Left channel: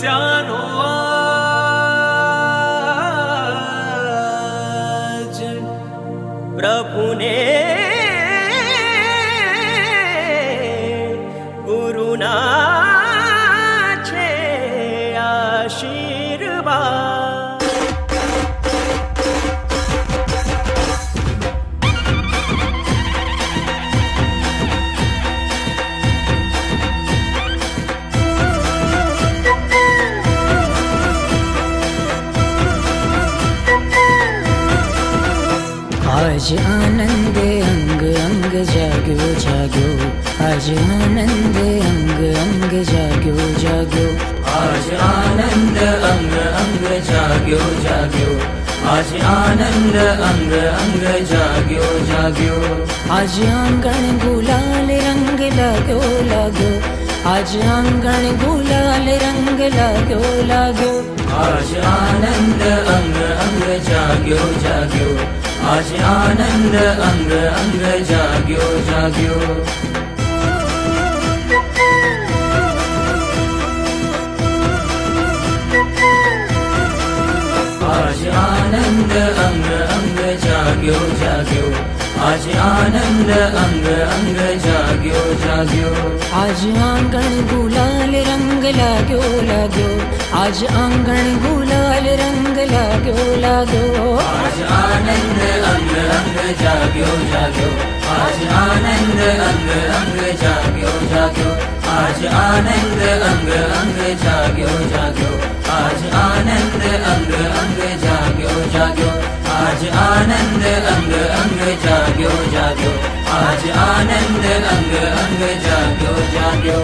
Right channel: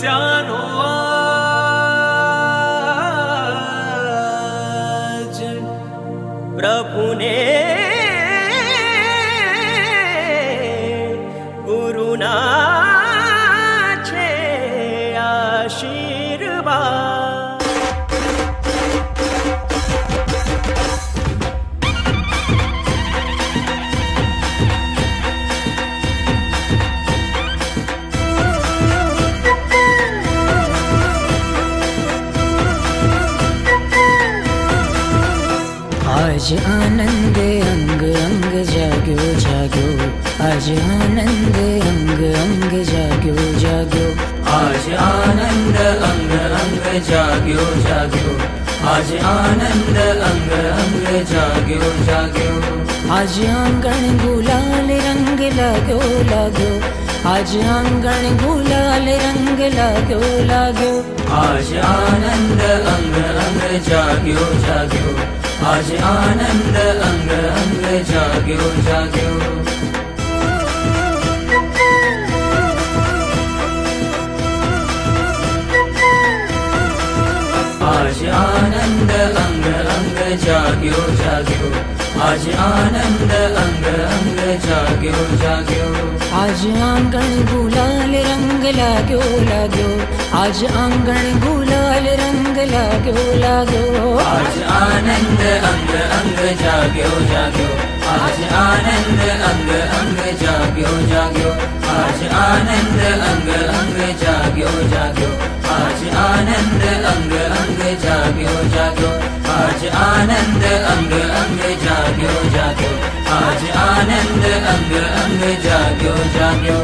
તપસ્યાનો આજ પ્રભુને ગુરુના છે આશીર્વાદ. आज आनंद अंग अंग जाग्यो जाग्यो, आज आनंद अंग अंग जाग्यो जाग्यो, आज आनंद अंग अंग जाग्यो जाग्यो, आज आनंद अंग अंग जाग्यो जाग्यो. आज आंगण गुलाल रंग लाग्यो लाग्यो, आज आंगण गुलाल रंग लाग्यो लाग्यो, आज आनंद अंग अंग जाग्यो जाग्यो, आज आनंद अंग अंग जाग्यो जाग्यो. आज आनंद अंग अंग जाग्यो जाग्यो, आज आनंद अंग अंग जाग्यो जाग्यो. आज आंगण गुलाल रंग लाग्यो लाग्यो, आज आंगण गुलाल रंग लाग्यो लाग्यो, आज आनंद अंग अंग जाग्यो जाग्यो, आज आनंद अंग अंग जाग्यो जाग्यो, आज आनंद अंग अंग जाग्यो जाग्यो, आज आनंद अंग अंग जाग्यो जाग्यो, आज आनंद अंग अंग जाग्यो जाग्यो, आज आनंद अंग अंग जाग्यो जाग्यो.